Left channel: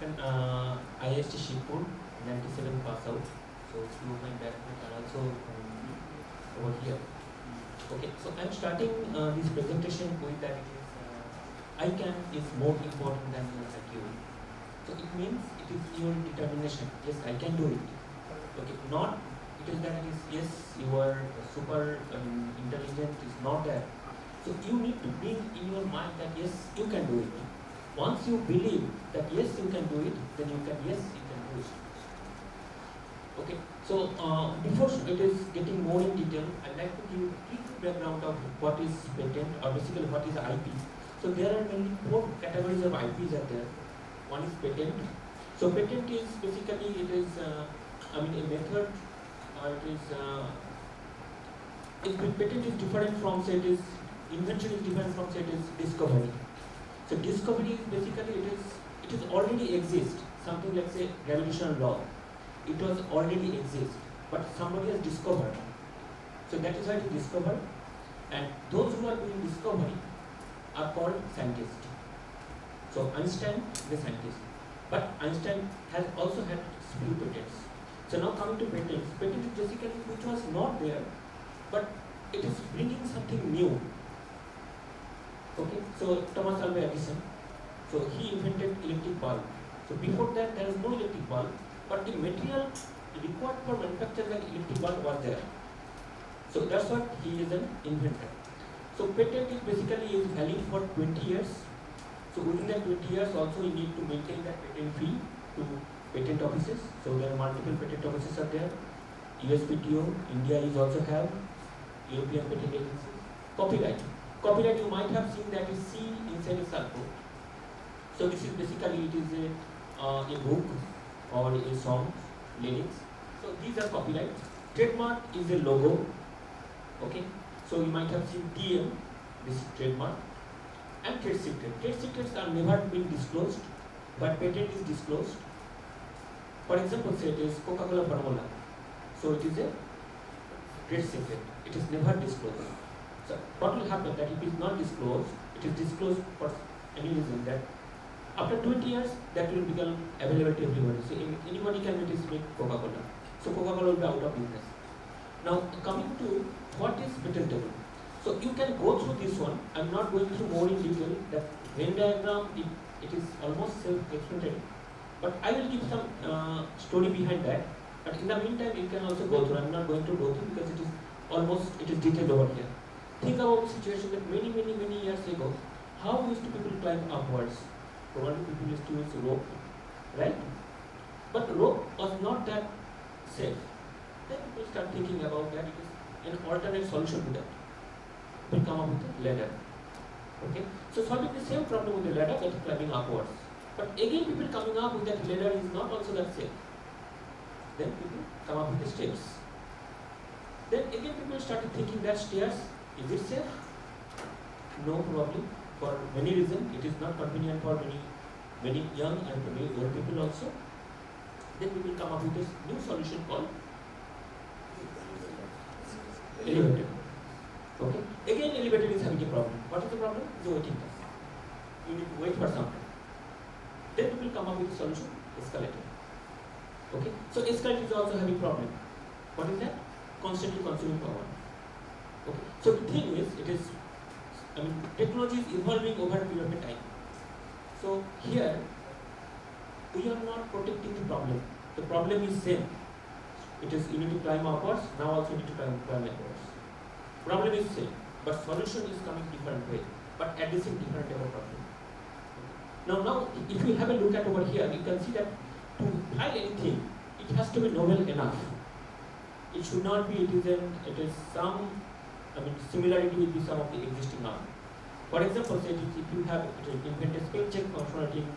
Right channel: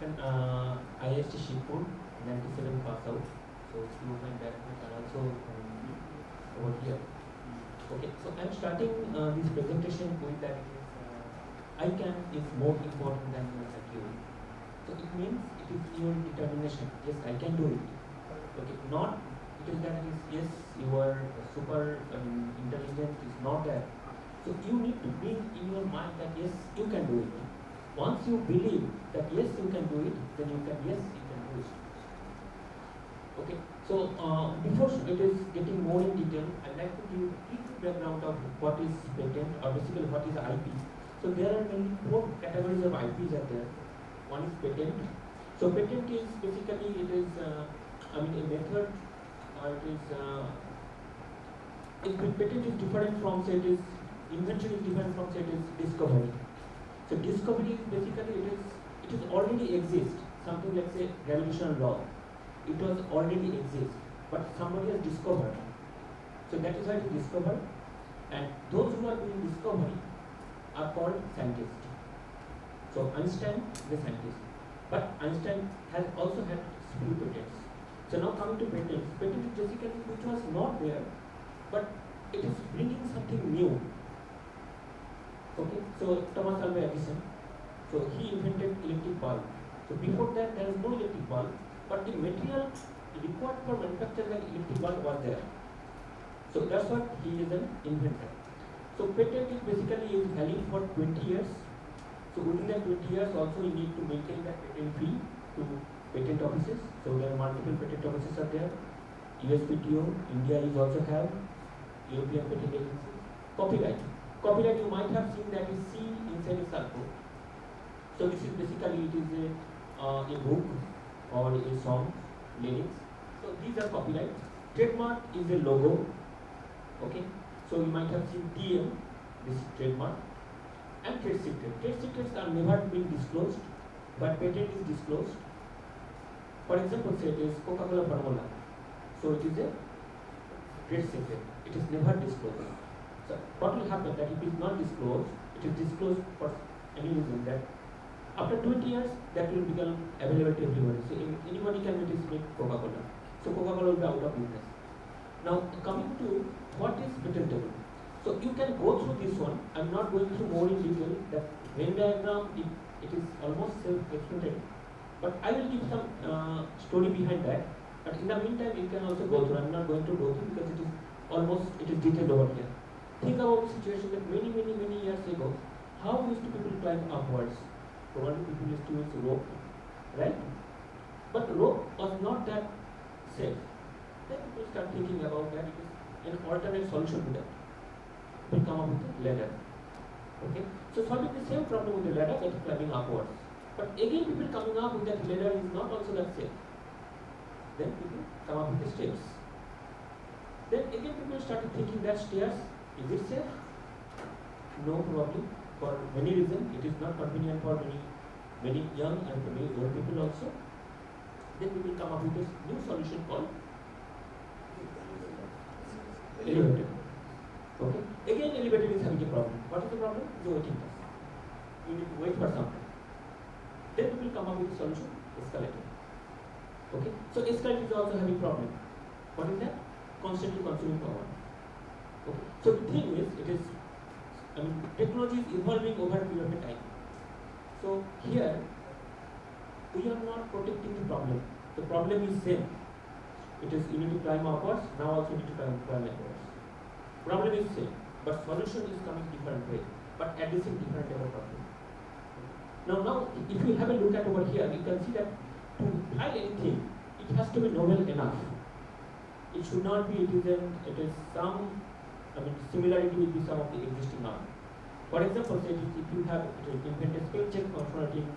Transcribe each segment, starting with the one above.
IIT Shipur, 97 pass out. So few of my batchmates are also over here. Okay, so I'm starting this presentation with that it is I can is more important than your IQ. So it means it is your determination. Yes, I can do it. Okay, not it is that it is yes you are super intelligent is not that. So you need to bring in your mind that yes you can do it. Once you believe that yes you can do it, then you can do it. Okay, so before it is getting more in detail, I'd like to give a quick background of what is patent or basically what is IP. So there are mainly four categories of IPs are there. One is patent. So patent is basically it is a method or it is patent is different from say it is invention is different from say it is discovery. So discovery is basically it is already exist. Something like say gravitational law. It was already exist, but somebody has discovered. So that is why it is discovered. And those who are doing discovery are called scientists. So Einstein is a scientist. But Einstein has also had few patents. So now coming to patents. Patent is basically which was not there, but it is bringing something new. Okay, so Thomas Alva Edison, so he invented electric bulb. So before that there was no electric bulb, but the material required for manufacturing an electric bulb was there. So that's what he is an inventor. So patent is basically is valid for 20 years. So within that 20 years also you need to maintain that patent fee to patent offices. So there are multiple patent offices are there. USPTO, India is also have, European Patent Agency. Copyright. Copyright you might have seen that is C inside a circle. So this is basically it is a book or a song, lyrics. So these are copyrights. Trademark is a logo. Okay. So you might have seen TM, this is trademark. And trade secret. Trade secrets are never been disclosed, but patent is disclosed. For example, say it is Coca-Cola formula. So it is a trade secret. It is never disclosed. So what will happen that if it is not disclosed, it is disclosed for any reason that after 20 years that will become available to everybody. So anybody can make Coca-Cola. So Coca-Cola will be out of business. Now coming to what is patentable. So you can go through this one. I'm not going through more in detail. The Venn diagram it is almost self-explanatory. But I will give some story behind that. But in the meantime you can also go through. I'm not going to go through because it is detailed over here. Think about the situation that many years ago, how used to people climb upwards? Probably people used to use rope, right? But rope was not that safe. Then people start thinking about that it is an alternate solution to that. People come up with a ladder. Okay? So solving the same problem with the ladder that is climbing upwards. But again people coming up with that ladder is not also that safe. Then people come up with the stairs. Then again people started thinking that stairs, is it safe? No, probably. For many reasons, it is not convenient for many young and many old people also. Then we will come up with this new solution called elevator. Okay. Again, elevator is having a problem. What is the problem? The waiting time. You need to wait for some time. Then we will come up with a solution, escalator. Okay. So escalator is also having problem. What is that? Constantly consuming power. Okay. So the thing is, technology is evolving over a period of time. So here, we are not protecting the problem. The problem is same. It is you need to climb upwards, now also you need to climb upwards. Problem is same, but solution is coming different way, but addressing different type of problem. Now, if you have a look at over here, you can see that to file anything, it has to be novel enough. It should not be, it is some, similarity with some of the existing art. For example, say if you have invented spell check functionality in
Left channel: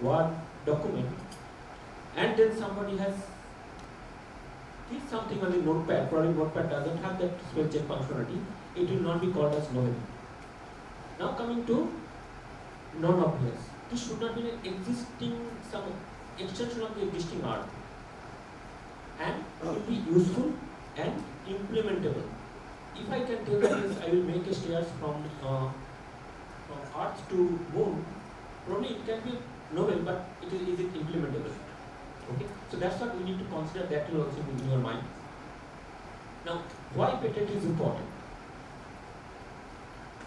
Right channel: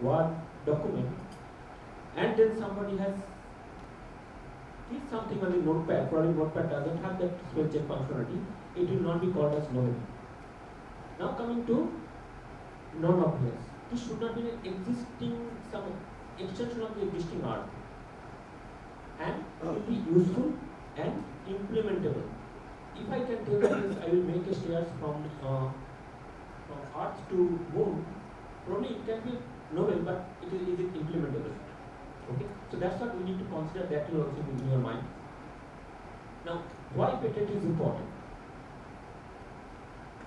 Word document, and then somebody has did something on the notepad, probably notepad doesn't have that spell check functionality, it will not be called as novel. Now coming to non-obvious. This should not be an existing, some extension of the existing art. And it will be useful and implementable. If I can tell that I will make a stairs from Earth to Moon, Probably it can be novel, but is it implementable? Okay, so that's what we need to consider. That will also be in your mind. Now, why patent is important?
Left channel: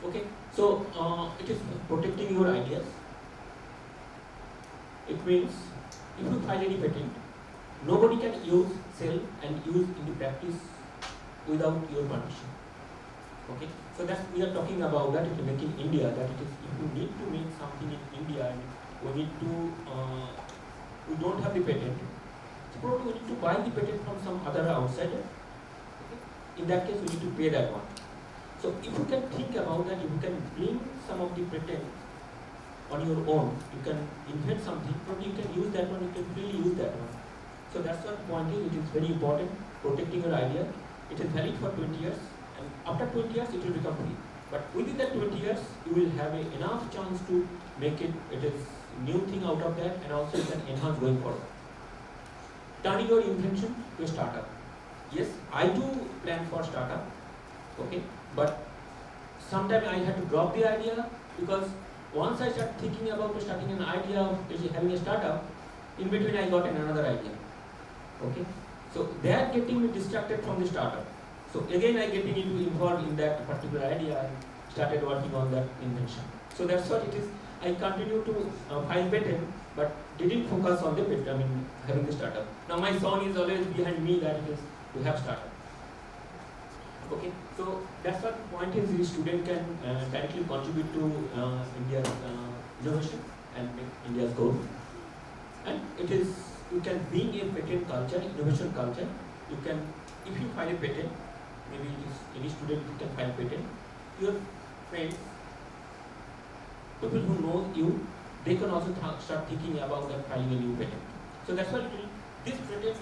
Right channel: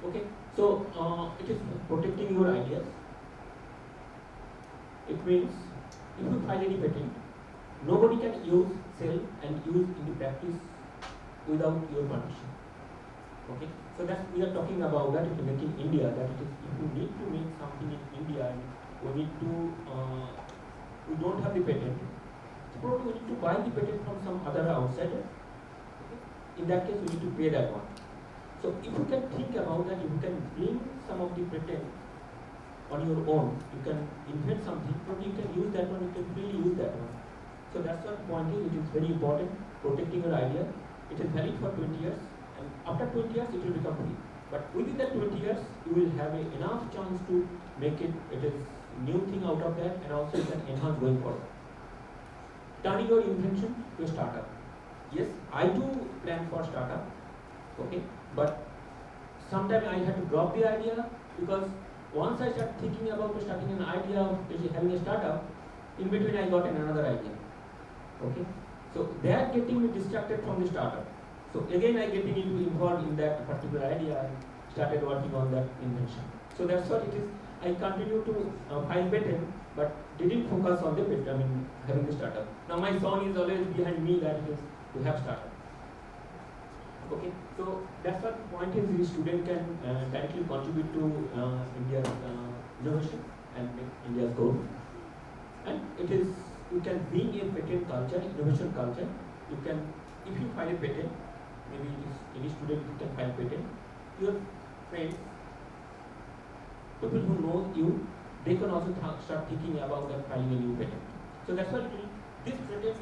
Okay, so it is protecting your ideas. It means if you file any patent, nobody can use, sell, and use in the practice without your permission. Okay, so that's we are talking about that it make in India. That it is if you need to make something in India and we need to we don't have the patent, so probably we need to buy the patent from some other outsider. Okay? In that case, we need to pay that one. So if you can think about that, if you can bring some of the patent on your own, you can invent something, probably you can use that one, you can freely use that one. So that's what point is, it is very important, protecting your idea. It is valid for 20 years, and after 20 years, it will become free. But within that 20 years, you will have enough chance to make it is new thing out of that, and also you can enhance going forward. Turning your invention to a startup. Yes, I do plan for startup, okay, but sometimes I had to drop the idea because once I start thinking about starting an idea of having a startup, in between I got another idea. Okay, so they are getting me distracted from the startup. So again I getting involved in that particular idea and started working on that invention. So that's what it is. I continue to file patent, but didn't focus on the patent. I mean, having the startup. Now my son is always behind me that it is to have startup. Okay, so that's what the point is. The student can directly contribute to India's innovation and make India's goal. And it is, you can bring a patent culture, innovation culture. You can, if you file a patent, maybe it is any student who can file patent, your friends, people who know you, they can also start thinking about that filing a new patent. So that's what this patent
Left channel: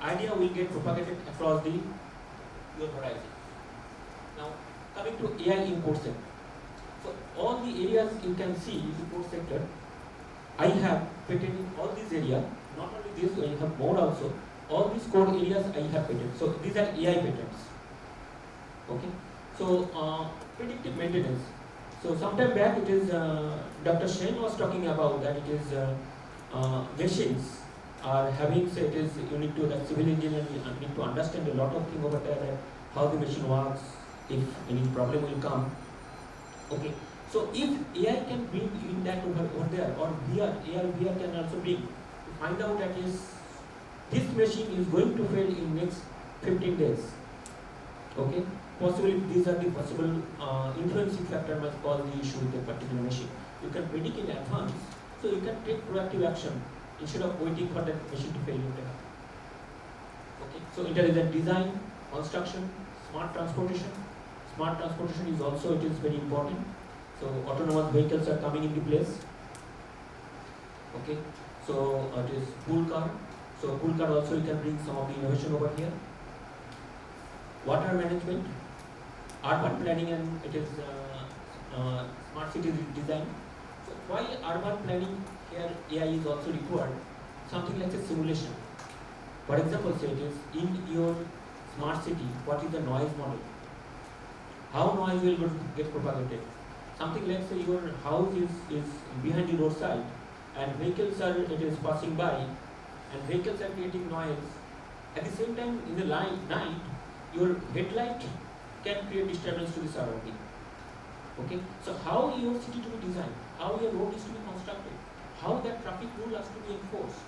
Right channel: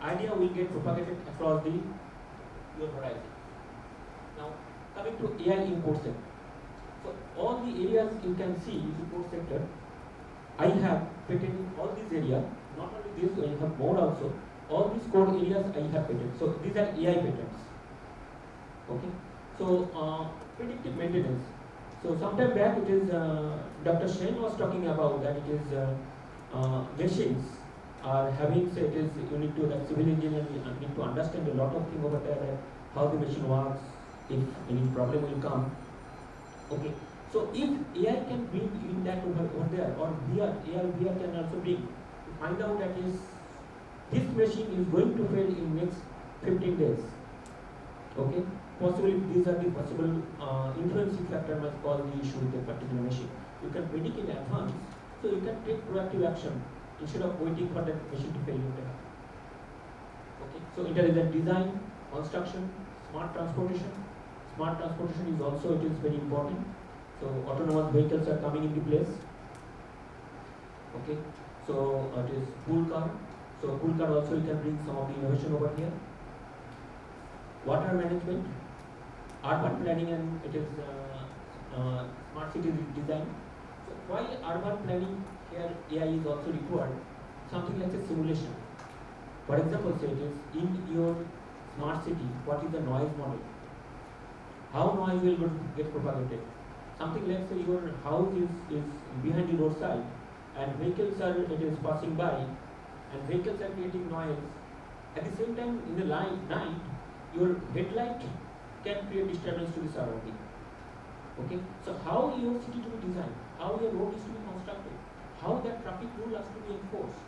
idea will get propagated across your horizon. Now, coming to AI in core sector. So all the areas you can see in the core sector, I have patent in all these areas. Not only this, I have more also. All these core areas I have patent. So these are AI patents. Okay. So predictive maintenance. So sometime back it is Dr. Shen was talking about that it is machines are having, say it is you need to, that civil engineer need to understand a lot of things over there, that how the machine works, if any problem will come. Okay. So if AI can bring in that over there, or VR, AR, VR can also bring to find out that this machine is going to fail in next 15 days. Okay. Possibly these are the possible influencing factor might cause the issue with a particular machine. You can predict in advance, so you can take proactive action instead of waiting for that machine to fail. Okay. So intelligent design, construction, smart transportation. Smart transportation is also, it is very important. So autonomous vehicles are coming into place. Okay. So it is pool car. So pool car also you can bring some of the innovation over here. Water management, urban planning, and it is smart city design. So why urban planning here AI is also required? Something like a simulation. For example, say it is in your smart city, what is the noise model? How noise will get propagated? Something like say your house is behind the roadside and vehicles are passing by and vehicles are creating noise. At the same time, in the night, your headlight can create disturbance to the surrounding. Okay, so how your city to be designed, how your road is to be constructed, how that traffic rule has to be enforced,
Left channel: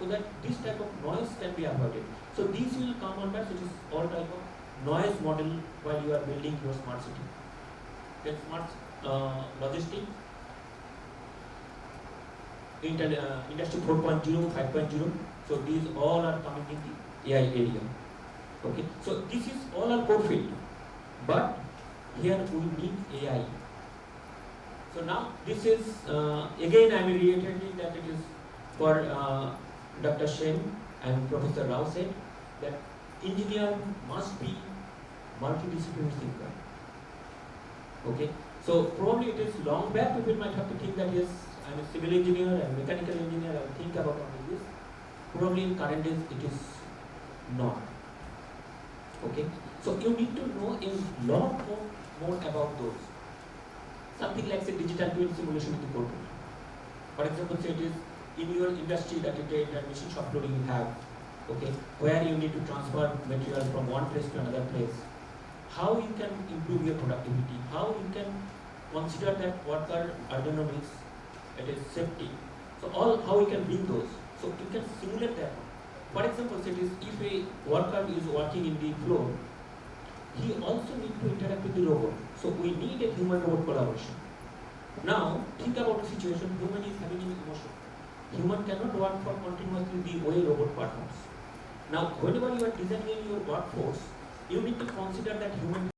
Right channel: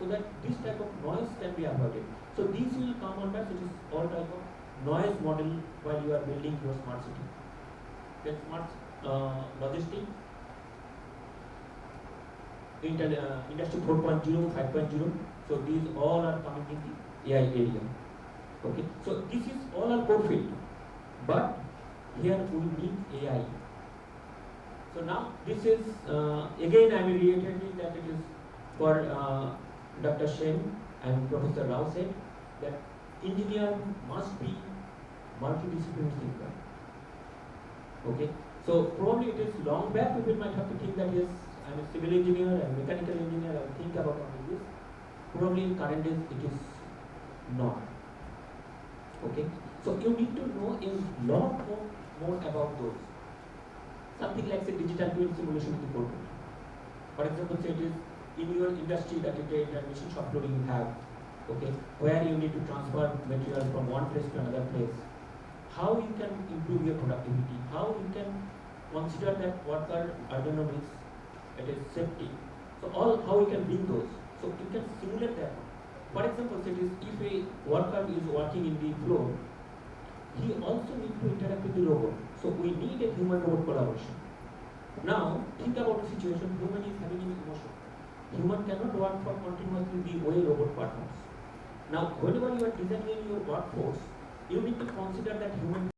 so that this type of noise can be avoided. So these will come under, so it is all type of noise model while you are building your smart city. Then smart logistics, industry 4.0, 5.0. So these all are coming in the AI area. Okay, so this is all our core field, but here we need AI. So now this is again I am reiterating that it is for Dr. Shen and Professor Rao said that engineer must be multidisciplinary thinker. Okay, so probably it is long back people might have to think that yes, I am a civil engineer and mechanical engineer, I think about all this. Probably in current days it is not. Okay, so you need to know a lot more about those. Something like say digital twin simulation in the corporate. For example, say it is in your industry that it is a machine shop floor you have, okay, where you need to transfer material from one place to another place. How you can improve your productivity? How you can consider that worker ergonomics, it is safety. So all how you can bring those. So you can simulate that. For example, say it is if a worker is working in the floor, he also needs to interact with the robot. So we need a human-robot collaboration. Now, think about the situation, human is having an emotion. Human cannot work for continuously the way robot performs. Now, whenever you are designing your workforce, you need to consider that human